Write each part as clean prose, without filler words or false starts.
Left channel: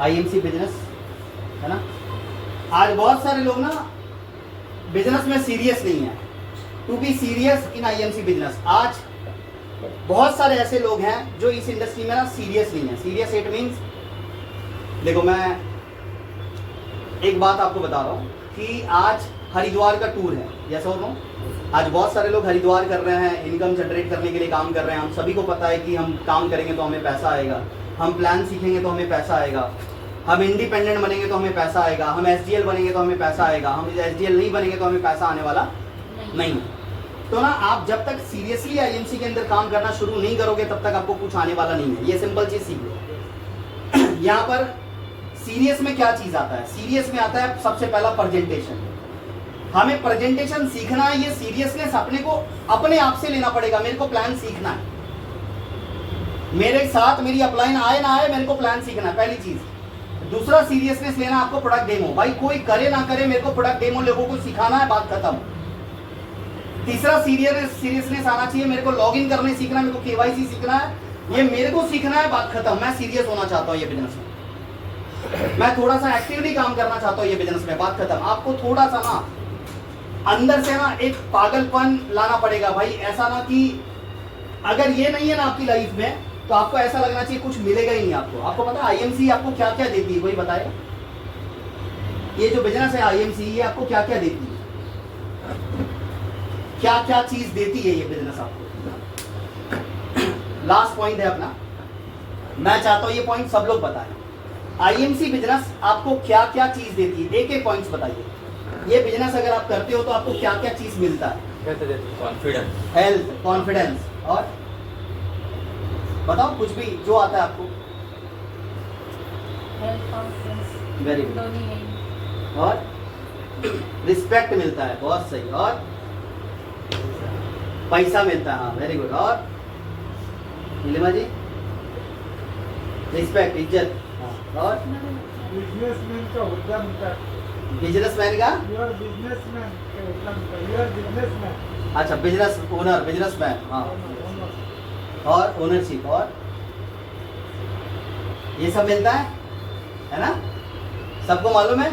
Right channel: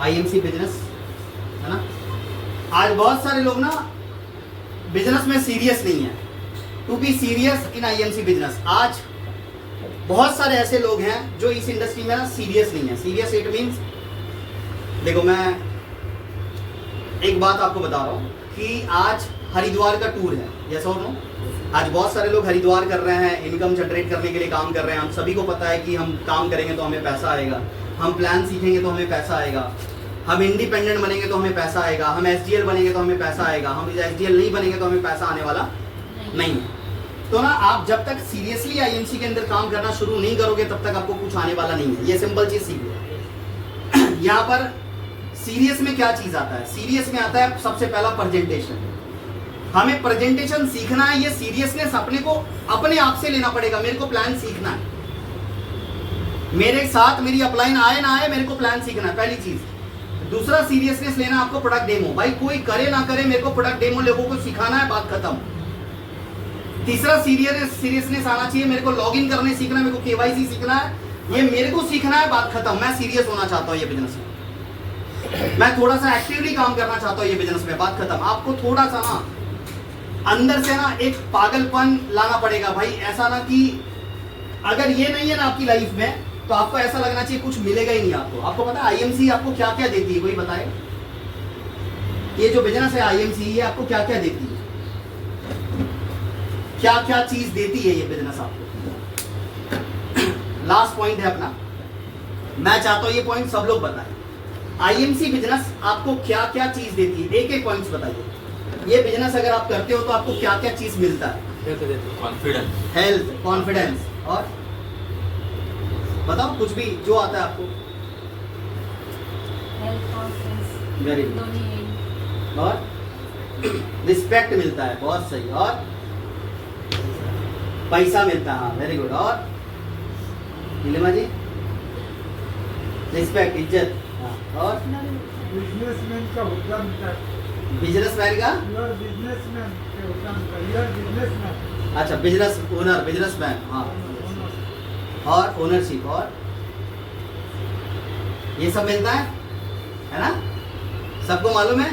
IMC business, है ना। आज बहुत सारे लोग ना बिजनेस में सीरियस नहीं है। To be serious in IMC business, आज बहुत सारे ऐसे लोग हैं जो इस इंडस्ट्री में ना सीरियस नहीं है। सीरियस इट मीन्स, देखो मैं एक बात आपको बता रहा हूँ कि आज हरिद्वार का टूर है, यस और नो। आज बहुत सारे लोग हरिद्वार कर रहे हैं, इनकम जनरेट करने के लिए काम कर रहे हैं। हम सभी को पता है कि हम काम करेंगे तो हमें पैसा आएगा, हम प्लान सीखेंगे तो हमें पैसा आएगा, हम इंडिपेंडेंट बनेंगे तो हमें पैसा आएगा, हम एसडीएल बनेंगे तो हमें पैसा आएगा, हम एसडीएल नहीं बनेंगे तो हमें पैसा आने वाला नहीं है। तो ना आप जब तक सीरियसली आईएमसी के अंदर काम करना शुरू नहीं करोगे तब तक आपको कुछ आने वाला नहीं है। ये सिंपल चीज सीख लो। यहाँ पर सीरियस में क्या चीज आता है? सीरियस में आता है सबसे पहला प्रेजेंटेशन। हमें प्रेजेंटेशन सीखना है। ये सीरियसनेस अपने को अपने आप से लेना पड़ेगा। मेरे को प्लान सीखना है, मेरे साथ मेरी अपलाइन आए ना आए, मेरे को प्लान सीखना है, पहली चीज। दूसरा सीरियसनेस लेना आपको प्रोडक्ट डेमो। भाई कोई करे ना करे, मेरे को प्रोडक्ट डेमो लोगों को सिखाना है, बात खत्म। तीसरा सीरियसनेस आना चाहिए, मेरे को लॉगिन करने सीखना है, मेरे को केवाईसी सीखना है, ये मेरे को सीखना है, बात खत्म। मैं सीरियस होना चाहता हूँ ये बिजनेस में, मैं थोड़ा सा एक्टिवली काम करना चाहता हूँ ये बिजनेस में, बात खत्म। आपको थोड़ा सा ना अंदर से ना एक पागलपन लाना पड़ेगा भाई। ऐसा ना कि अगर ये नहीं है ना आपकी लाइफ में तो आपको ऐसा लगना चाहिए कुछ मिलेगा ही नहीं आपको। आपको पता है आईएमसी आपको क्या क्या देती है? कोई बताएगा? ये जो बिजनेस है आईएमसी, ये आपको क्या क्या देती है? क्या क्या चीज देती है ये बिजनेस आपको? लास्ट पॉइंट है अपना, मैं चाहता हूं ये पॉइंट सब लोग बताएं। आईएमसी बिजनेस आपको क्या क्या चीज देती है? एक एक पॉइंट्स बताइए। ये बिजनेस अगर आप करते हो तो आपको क्या क्या चीज मिलता है? कॉन्फिडेंस, हेल्थ, कॉन्फिडेंस, और बताओ कुछ भी जो आता है आपको। Very good. और रिस्पेक्ट मिलता है, बहुत सही। और पैसा मिलता है, हाँ वेरी गुड। और नीलिमा जी, रिस्पेक्ट, इज्जत, हाँ। और बिजनेसमैन का होता है, बिजनेसमैन का, यूर बिजनेसमैन के होता है, यूर बिजनेसमैन, अच्छा बिजनेस ओनर, बिजनेसमैन, हाँ। और ओनरशिप, और ये सब मिलता है ना? सबको मालूम है?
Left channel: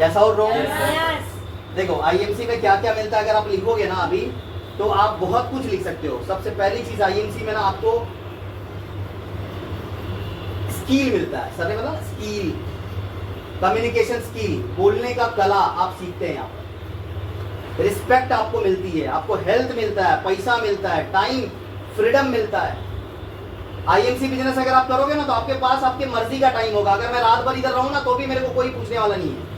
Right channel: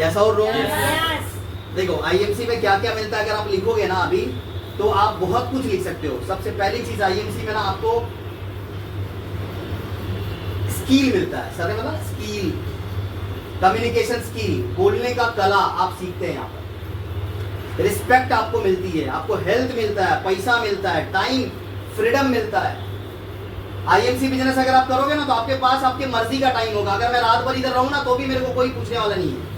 ऐसा और रॉन्ग? देखो आईएमसी में क्या क्या मिलता है, अगर आप लिखोगे ना अभी तो आप बहुत कुछ लिख सकते हो। सबसे पहली चीज आईएमसी में ना आपको स्किल मिलता है। सर मतलब स्किल, कम्युनिकेशन स्किल, बोलने का कला आप सीखते हैं यहाँ पर। रिस्पेक्ट आपको मिलती है, आपको हेल्थ मिलता है, पैसा मिलता है, टाइम फ्रीडम मिलता है। आईएमसी बिजनेस अगर आप करोगे ना तो आपके पास आपके मर्जी का टाइम होगा। अगर मैं रात भर इधर रहूं ना तो भी मेरे को कोई पूछने वाला नहीं है।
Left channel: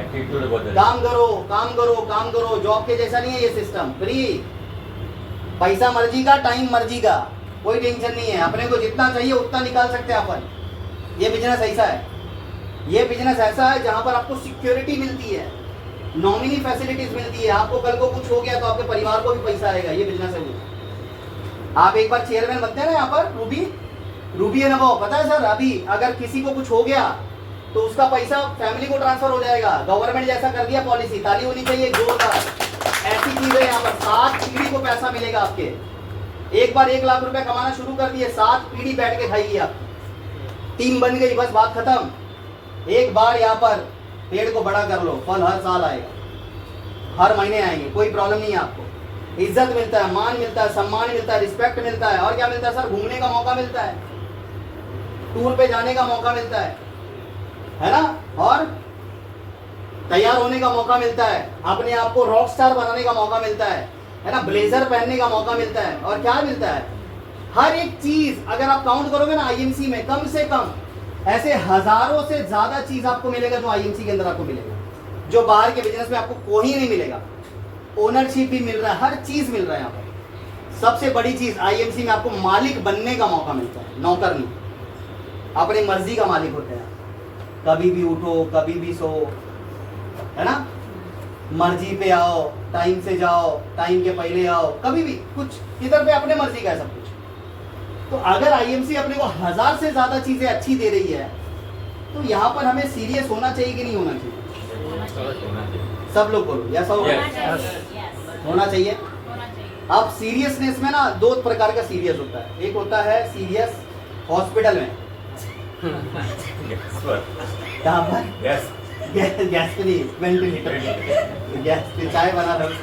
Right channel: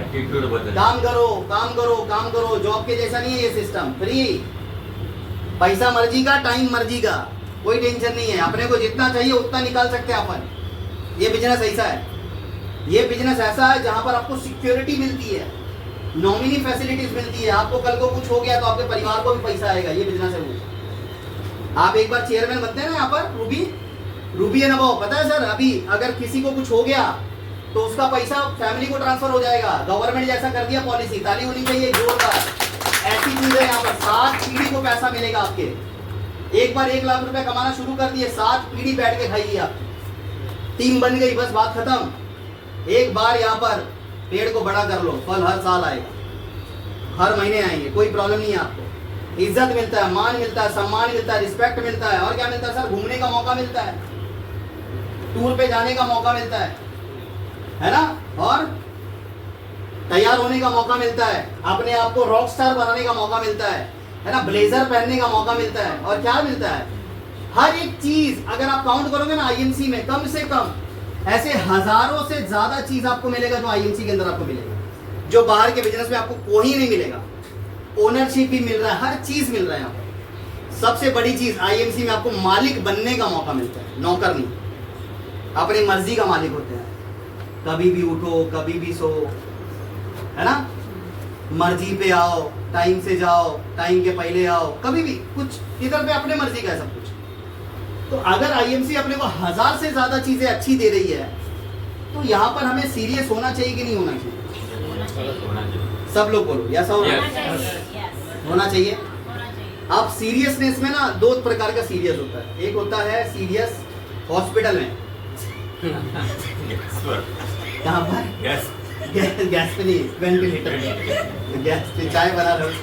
एटीट्यूड बदल, काम करो काम करो काम करो, जॉब के जैसा नहीं है ये सिस्टम। फ्री, पैसा मर्जी का, टाइम मर्जी का, कोई टेंशन नहीं है। अपने को जितना चाहिए उतना निकाल सकते हैं अपन। ये बिजनेस ऐसा है, ये बिजनेस ऐसा है जहां पर आपको सिक्योरिटी मिलती है, नॉमिनी फैसिलिटीज मिलती है। आपको कल को कुछ हो गया तो आपके परिवार को भी पैसा आएगा। ये बिजनेस है वो। आप एक बार चेयरमैन बनते हैं ना यहाँ पर, रूबी है ना वो, पता है सर? अभी अगर किसी को कुछ हो गया तो उसका पैसा फैमिली को ट्रांसफर हो जाएगा। गवर्नमेंट जैसा कर दिया पॉलिसी, ताली होनी चाहिए जोरदार। ऐसी चीज है यहाँ पर, 7 पीढ़ी को पैसा मिलेगा आपके। एक बार 1 लाख रुपए कमाना शुरू कर दिए, 7 पीढ़ी बैठ के खाइए आप। टीम बन गई, बस बात खत्म। एक बार यहाँ पर पेड़ को बड़ा कर लो, फल हर साल आएगा, हर महीने आएंगे, कोई प्रॉब्लम नहीं है आपको। इज्जत मिलता है, मान मिलता है, सम्मान मिलता है, रिस्पेक्ट मिलता है। और क्या मिलता है सर? घूमने का मौका मिलता है, टूर पे जाने का मौका मिलता है ना? और तैयार होने का मौका मिलता है, अपने आप को रॉक स्टार बनाने का मौका मिलता है ना? ब्लेजर पहनने का मौका मिलता है। और क्या मिलता है? हर एक चीज अगर आप काउंट करोगे ना आईएमसी में, कम से कम ऐसे हजारों से ज्यादा चीज आपको मिलेगा जो आईएमसी के अंदर आपको मिलेगा, जो बाहर के बिजनेस में आपको कोई नहीं मिलेगा। ओनरशिप भी मिल रहा है, हर चीज मिल रहा है यहाँ पर। सबसे बड़ी चीज आईएमसी में आपको मालिक बनने का मौका मिलता है, नौकर नहीं। अपनी मर्जी का मालिक होते हैं, कभी भी उठो कभी भी सो, है ना? मर्जी पे आओ, टाइम से जाओ, टाइम के पहले आओ, कभी भी कुछ इधर पे अपने मर्जी का है सब कुछ। तो अगर आईएमसी अपने को 1000 से ज्यादा चीजें अच्छी दे रही है तो यहाँ पर हमें सीरियस होना चाहिए कि नहीं होना चाहिए? सब लोग बोलो, यस और होना चाहिए। अब सीरियसनेस में ना 2 प्रकार का सीरियस होता है। एक होता है सीरियस हॉस्पिटल में, गैस पर कहाँ पर? गैस गैस पे नहीं, वेंटिलेटर पे। गैस पे चाय बना रहा हूँ,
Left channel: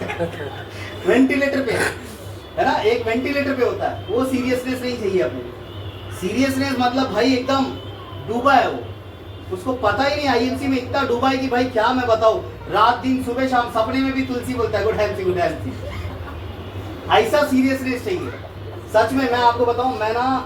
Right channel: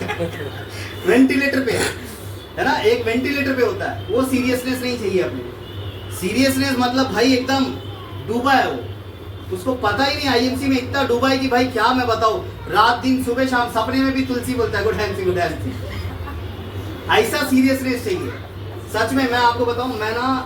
वेंटिलेटर पे है ना, एक वेंटिलेटर पे होता है। वो सीरियसनेस नहीं चाहिए अपने। सीरियसनेस मतलब भाई एकदम डूबा है वो, उसको पता ही नहीं आईएमसी में इतना डूबा है कि भाई क्या मैं बताऊं, रात दिन सुबह शाम सपने में भी तुलसी बोलता है गुड हैंड गुड हैंड। ऐसा सीरियसनेस चाहिए सच में। मैं आपको बताऊं, मैं ना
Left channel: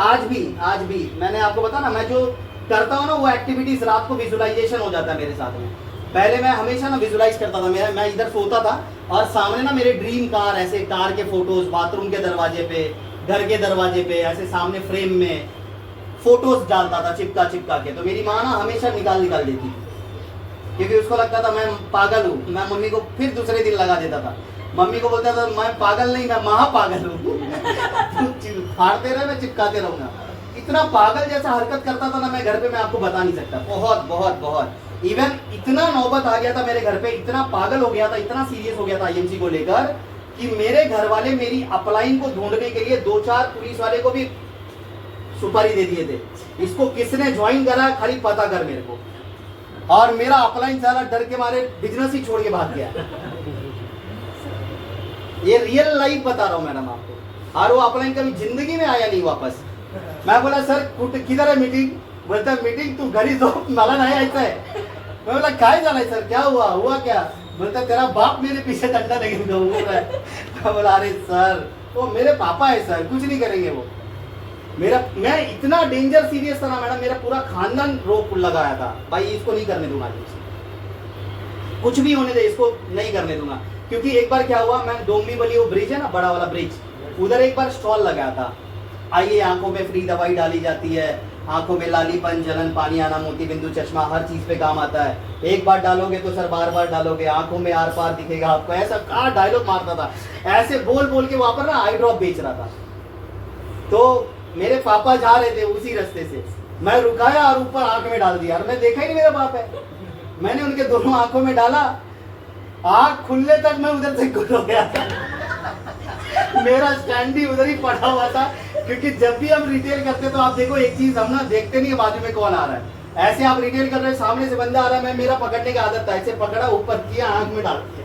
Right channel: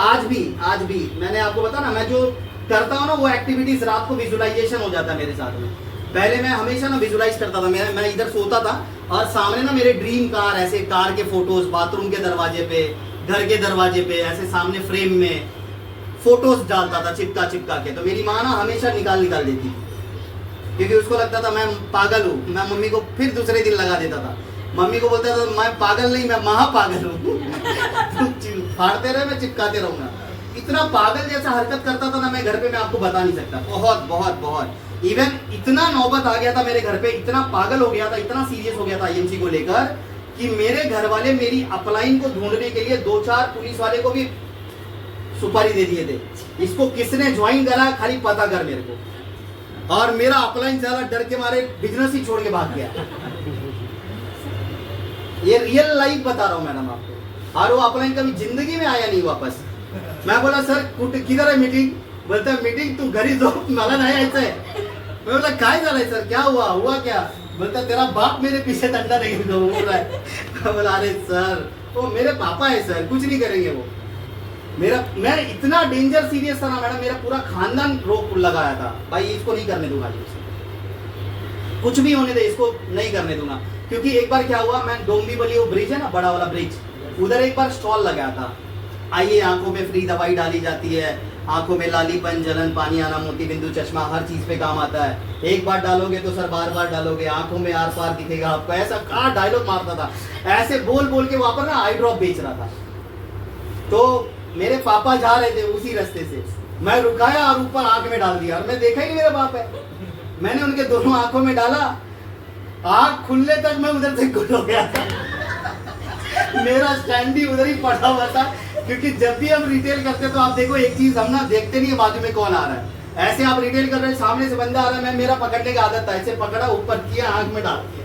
आज भी मैंने आपको बताया ना, मैं जो करता हूँ ना वो एक्टिविटीज रात को विजुअलाइजेशन हो जाता है मेरे साथ में। पहले मैं हमेशा ना विजुअलाइज करता था, मैं इधर सोता था और सामने ना मेरे ड्रीम कार, ऐसे कार के फोटोज बाथरूम के दरवाजे पे, घर के दरवाजे पे, ऐसे सामने फ्रेम में फोटोज डालता था चिपका के। तो मेरी माँ ना हमेशा निकाल देती थी, क्योंकि उसको लगता था मैं पागल हूँ। मैं मम्मी को फिर दूसरे दिन लगा देता था। मम्मी को बोलता था मैं पागल नहीं, मैं महापागल हूँ। फाड़ते रहे, मैं चिपकाते रहूंगा। इतना पागल जैसा हरकत करता था ना मैं घर पे, मैं आपको बता नहीं सकता। बहुत इवन इतना नौबत आ गया था मेरे घर पे, इतना पागल हो गया था, इतना सीरियस हो गया था आईएमसी को लेकर कि मेरे घर वाले मेरी अपलाइन को ढूंढने के लिए 2-4 पुलिस वाले को भी सुपारी दे दिए थे, इसको किसने ज्वाइन करा खाली पता कर मेरे को। और मेरा अपलाइन सारा डर के मारे बिजनेस ही छोड़ के भाग गया। ये रियल लाइफ बता रहा हूँ मैडम आपको। और वो अपलाइन कभी जिंदगी में आया नहीं वापस। मैं बोला सर किधर है मीटिंग? बोलता है मीटिंग तू घर ही दो, मला नहीं ऐसा है। मैं बोला काय झाला है सर, क्या हुआ क्या? बोलता तेरा बाप मेरे पीछे डंडा लेके घूम रहा है। मैं बोला अरे सर वो मेरे पापा है सर, कुछ नहीं करेंगे वो। मैं इतना डेंजर सीरियस था ना मैडम, मेरा पूरा खानदान रोक लगाया था भाई इसको नहीं करने दूंगा, कुछ भी होने दे इसको नहीं करने दूंगा। क्योंकि एक बार क्या हुआ, मैं डोंबिवली वो ब्रिज है ना, बड़ा वाला ब्रिज, उधर एक बार स्टॉल लगाया था। आइए आंखों में फ्री दवाई डाली जाती है, आंखों में लालीपन, जलन, पानी आना, मोती बिंदु, चश्मा, हर चीज पे काम आता है। एक बार डालोगे तो सर बार डालोगे, आंखों में आर पार दिखेगा आपको। ऐसा कहाँ डायलॉग मारता था, ऐसे बोल के वहां पर ना आई ड्रॉप बेच रहा था। तो मेरे पापा जा रहे थे उसी रास्ते से, मैं रुकाया और ऊपर आंख में डाल दिया और मैं देखा ही नहीं मेरा बाप है। मैंने उनके दोनों आंखों में डाला, आंख खुलने तक मैं उधर से गुल हो गया था। मेरा स्टैंड भी उधर ही पड़ा हुआ था। क्योंकि जब भी हम रिटेल करते तो आप देखो एक चीज, हम ना देखते नहीं है बाजू में कौन आ रहा है। ऐसे आप रिटेल कर रहे हैं, सामने से बंदा आ रहा है, मैं मेरा पकड़ने का आदत था, ऐसे पकड़ा ऊपर किया, आंख में डाल दिया।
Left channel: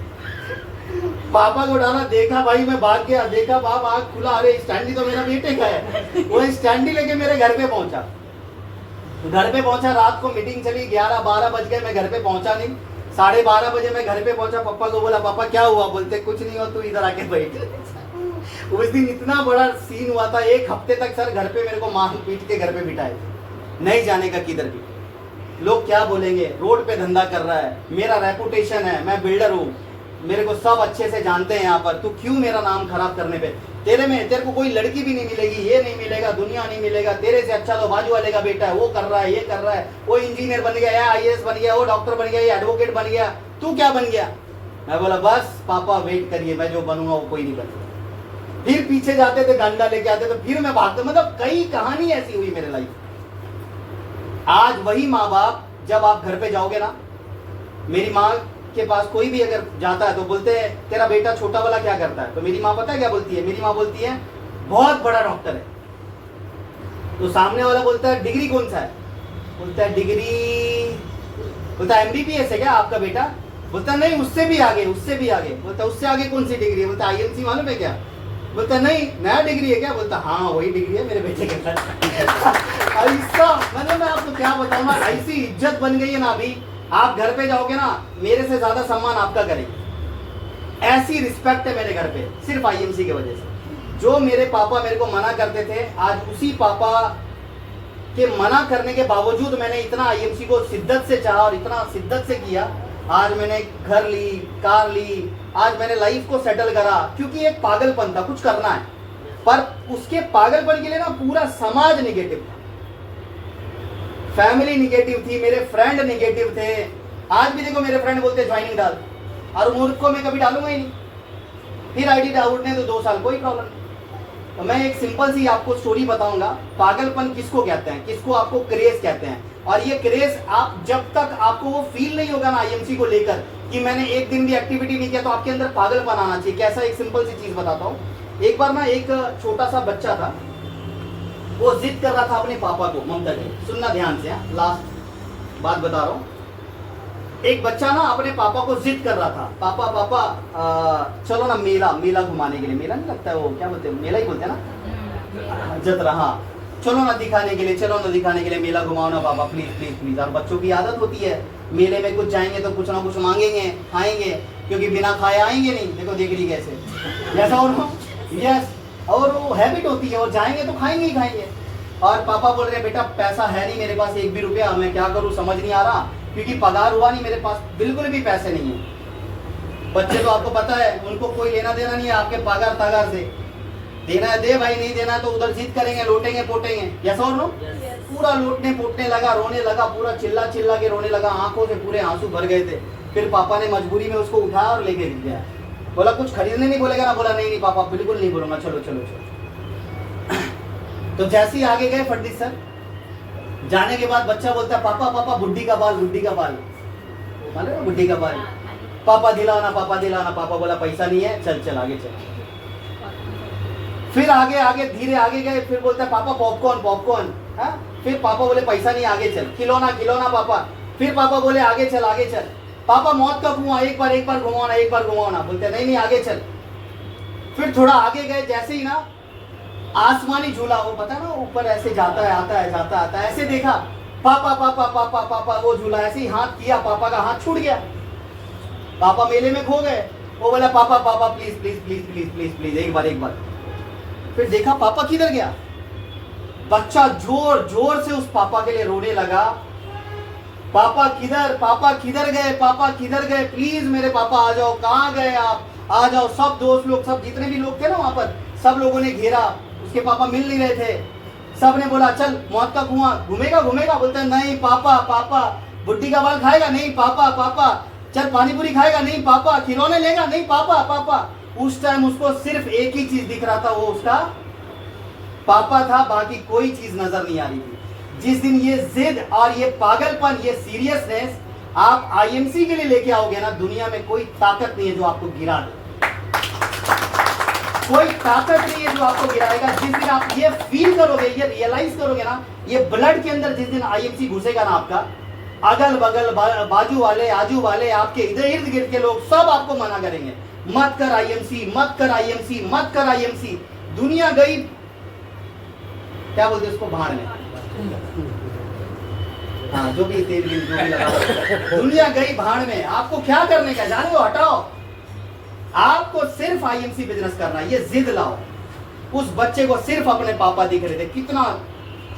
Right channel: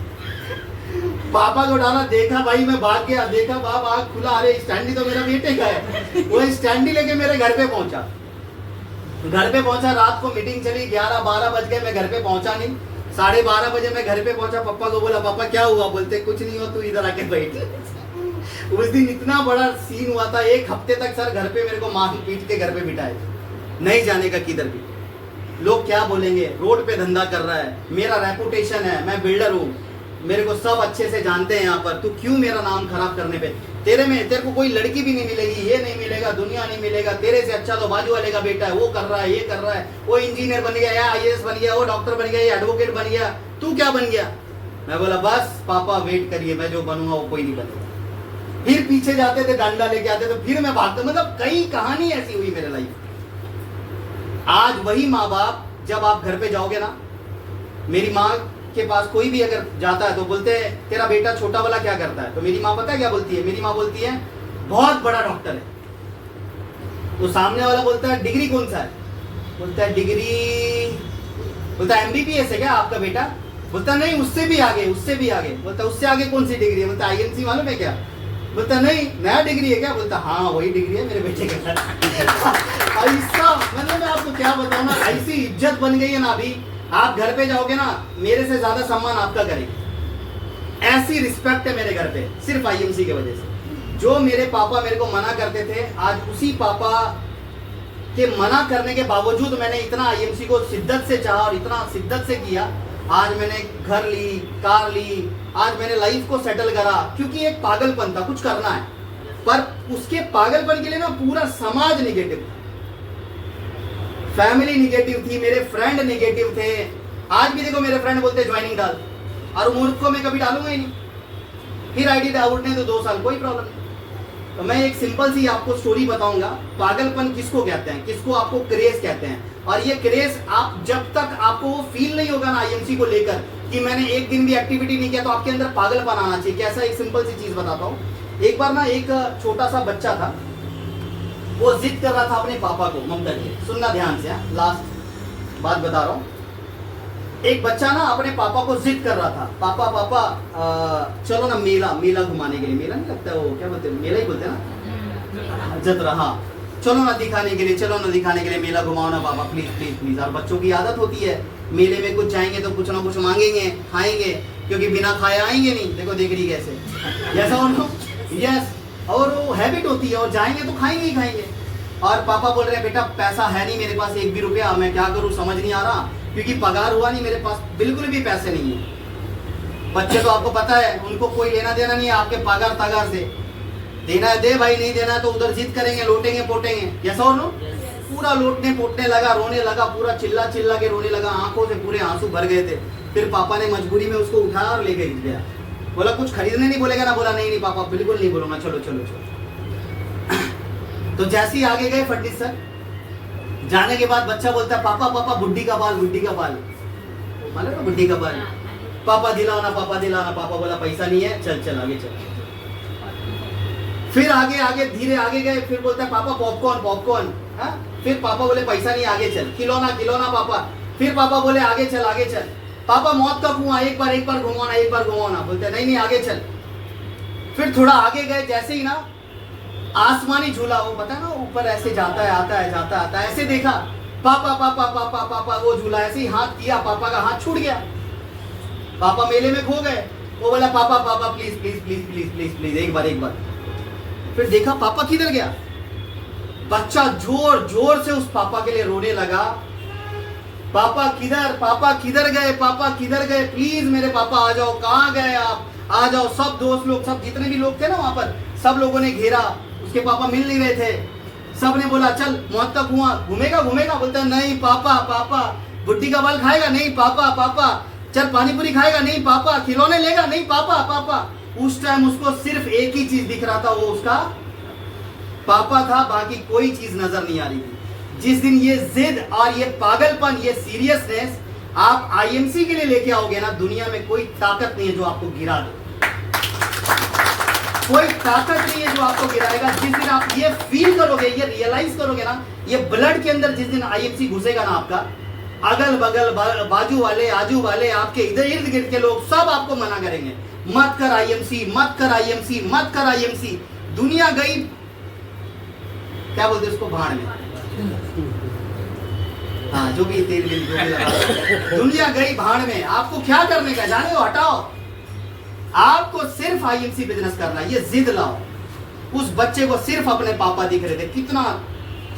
पापा को डाला, देखा भाई मैं भाग गया, देखा बाप आंख खुला, अरे स्टैंडी तो मेरा बेटे का है। वो स्टैंडी लेके मेरे घर पे पहुंचा। रात को मीटिंग चली, 11-12 बज गए, मैं घर पे पहुंचा नहीं। 12:30 बजे मैं घर पे पहुंचा, पापा को बोला पापा क्या हुआ? बोलते कुछ नहीं हो, तू इधर आके बैठ। उस दिन इतना बड़ा सीन हुआ था, 1 हफ्ते तक सर घर पे मेरे को मार पीट के घर पे बिठाए, नहीं जाने का किधर भी। लोग क्या बोलेंगे, रोड पे धंधा कर रहा है, मेरा रेपुटेशन है, मैं बिल्डर हूँ, मेरे को सब अच्छे से जानते हैं यहाँ पर, तू क्यों मेरा नाम खराब करने पे? तेरे को कोई लड़की भी नहीं मिलेगी, ये नहीं मिलेगा, दुनिया नहीं मिलेगा, तेरे से अच्छा तो बाजू वाले का बेटा है, वो कर रहा है, ये कर रहा है, वो इंजीनियर बन गया, IAS बन गया, वो डॉक्टर बन गया, ये एडवोकेट बन गया, तू क्या बन गया? मैं बोला बस पापा वेट करिए, मैं जो बनूंगा वो कोई नहीं बनेगा। फिर पीछे जाते थे, डंडा लेके आते थे, फिर मैं भागता। मतलब कई कहानी ऐसी हुई मेरे लाइफ। आज वही माँ बाप, जब आप घर पे जाओगे ना, मेरी माँ के पास कोई भी अगर जाता है तो बोलते हैं तेरा बेटा छोटा वाला क्या करता है? तो मेरी माँ पता है क्या बोलती है? मेरी माँ बोलती है बहुत बड़ा डॉक्टर है। तो सामने वाला बोलता है डिग्री कौन सा है? बोलता है डिग्री, बोलता है MBBS है क्या आपका बेटा? बोलता नहीं उससे भी आगे, उससे भी आगे। बोलता उससे आगे कौन सी डिग्री है? बोलता IMC मालूम है क्या? बोलता नहीं नया डिग्री है क्या? बोलता हाँ वही डिग्री है मेरे बेटे के साथ। ऐसा मतलब मैं आपको क्या बताऊँ ना, ऐसी इज्जत बन गई है ना। अभी आप घर पे जाओगे ना, मेरे से ज्यादा सम्मान आपका करेंगे। ऐसी रिस्पेक्ट है मेरे घर पे सिर्फ IMC की वजह से। जो मेरे पापा मेरे को मना करते थे, आज उसी पापा के मना करने के बावजूद मैंने इतना IMC को शिद्दत से चाहा और इतना शिद्दत से किया। आज मैंने घर ली, कार ली, आज मैंने लाइफ को सेटल करा, क्योंकि एक पागलपन था, कुछ करना है। पर उसके पागलपन के लिए ना पूरा समाज निगेटिव था, फैमिली निगेटिव थी, मेरे फ्रेंड निगेटिव थे। आज भी देखो मेरे फ्रेंड बोलते ज्वाइनिंग डाल, और मूर्ख को मैं कभी डालूंगा ही नहीं। फिर ID डाउटने तो 2 साल कोई प्रॉब्लम नहीं। तो मैं एक सिंपल सी आपको स्टोरी बताऊंगा, पागलपन किसको कहते हैं, किसको आपको क्रेज कहते हैं। और ये क्रेज आप जब तक आपको वो फील नहीं होगा ना IMC को लेकर कि मैंने एक दिन भी एक्टिविटी नहीं किया, तो आपके अंदर पागलपन आना चाहिए। कैसा, एक सिंपल सी चीज बताता हूँ। एक बार ना एक छोटा सा बच्चा था, वो जिद कर रहा था अपने पापा को, ममता जी सुनना ध्यान से, लास्ट बात बता रहा हूँ। एक बच्चा ना अपने पापा को जिद कर रहा था, पापा पापा चलो ना मेला घुमाने के लिए, मेला नहीं लगता है वो, क्या बोलते हैं, मेला ही बोलते हैं ना, जतरा, हाँ, चलो ना दिखाने के लिए, चलो ना दिखाने के लिए, मेला घुमाओ ना पापा प्लीज प्लीज प्लीज। और बच्चों की आदत होती है, मेले में कुछ जाएंगे तो कुछ ना कुछ मांगेंगे, खाएंगे, क्योंकि बिना खाए आएंगे नहीं। देखो देख रही कैसे, जैसा और यस, और वो हैबिट होती है, और जाएंगे तो खाएंगे ही खाएंगे। और पापा बोल रहे हैं बेटा पैसा है नहीं मेरे पास एक भी रुपया, मैं क्या करूँ समझ नहीं आ रहा, क्योंकि पगार हुआ नहीं मेरे पास, बिल्कुल भी पैसे नहीं है। बच्चे तो आपको पता है उनको कोई लेना देना नहीं है आपके पगार तगार से, देना है दे भाई, नहीं देना है तो उधर जिद करेंगे, लोटेंगे पोटेंगे। यस और नो? पूरा लूटने पोटने लगा, रोने लगा, पूरा चिल्ला चिल्ला के रोने लगा, आंखों से पूरे आंसू भर गए थे। फिर पापा ने मजबूरी में उसको उठाया और लेके गया। बोला कुछ खरीदने नहीं बोलेगा ना? बोला नहीं नहीं पापा बिल्कुल नहीं बोलूंगा, चलो चलो चलो। तो जैसे ही आगे गए फडणवीस सर, जाने के बाद बच्चा बोलता है पापा पापा बुड्ढी का बाल, बुड्ढी का बाल, मालूम है बुड्ढी का बाल, पापा दिलाना पापा दिलाना। पापा बोला पैसा नहीं है, चल चल आगे चल। फिर आगे आगे धीरे आगे गए, फिर बोलते हैं पापा पॉपकॉर्न पॉपकॉर्न, हाँ? फिर पापा बोले पैसा नहीं, आगे चल। खिलौना खिलौना पापा। फिर पापा बोले आगे चल आगे चल। पापा मौत का कुआं, एक बार घुमाना, एक बार घुमाना। बोलते नहीं नहीं आगे चल। फिर थोड़ा आगे गए, जैसे ही ना आसमानी झूला, वो पता है ना ऊपर ऐसे जाता है आता है जाता आता है, ऐसे देखा पापा पापा पापा पापा, वो झूला ऐसे ही हाथ किया, पापा का हाथ छूट गया, पापा मेले में खो गए। वो बोला पापा पापा please please please please please please एक बार। फिर देखा पापा किधर गया, बच्चा जोर जोर से उस पापा के लिए रोने लगा, पापा किधर गए, पापा किधर गए, प्लीज मेरे पापा आ जाओ, कहाँ गए आप, आ जाओ। सब दोस्त लोग, सब जितने भी लोग थे ना वहां पर, सब लोगों ने घेरा, उसके पापा मिल नहीं रहे थे। सब ने बोला चल मौत का कुआं घूमेगा घूमेगा। बोलता है नहीं पापा पापा। बुड्ढी का बाल खाएगा? नहीं पापा पापा। चल पानीपुरी खाएगा? नहीं पापा। खिलौने लेगा? नहीं पापा पापा। उस टाइम उसको सिर्फ एक ही चीज दिख रहा था, वो उसका पापा था, बाकी कोई चीज नजर नहीं आ रही थी। जिस दिन ये जिद और ये पागलपन, ये सीरियसनेस आप आईएमसी के लिए लेके आओगे ना, दुनिया में कोई ताकत नहीं है जो आपको गिरा दे, कोई ताकत नहीं है जो आपको गिराएगा। जिस दिन आप ये फील करोगे, ये रियलाइज करोगे ना, ये ब्लड के अंदर जिस दिन आईएमसी घुसेगा ना आपका, अगल बगल बाजू वाले आजू वाले आपके इधर इर्द गिर्द के लोग सब आपको मना करेंगे, मत कर आईएमसी, मत कर आईएमसी, मत कर आईएमसी। दुनिया गई, क्या बोलते उसको, भाड़ में, हाँ जो भी तेल जो भी लगा, दुनिया गई भाड़ में। आपको क्या करने का, जाने दो, हटाओ। आपको सिर्फ आईएमसी बिजनेस करना है, ये जिद लाओ। उस बच्चे को सिर्फ अपने पापा दिख रहे थे, कितना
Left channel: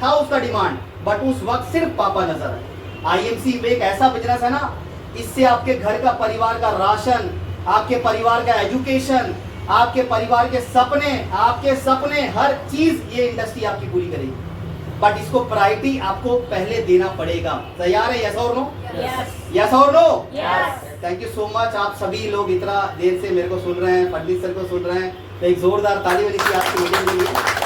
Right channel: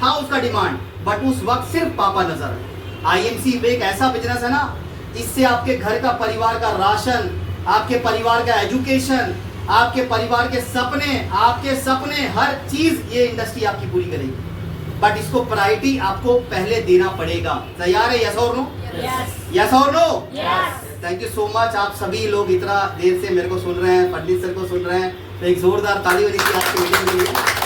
था उसका डिमांड, बट उस वक्त सिर्फ पापा नजर आए। आईएमसी एक ऐसा बिजनेस है ना, इससे आपके घर का परिवार का राशन, आपके परिवार का एजुकेशन, आपके परिवार के सपने, हर चीज ये इंडस्ट्री आपकी पूरी करेगी। बट इसको प्रायोरिटी आपको पहले देना पड़ेगा। तैयार है? यस और नो? यस और no? Thank you so much. आप सभी लोग इतना देर से मेरे को सुन रहे हैं, फडणवीस सर को सुन रहे हैं, तो एक जोरदार ताली होनी चाहिए आपकी मीटिंग के लिए।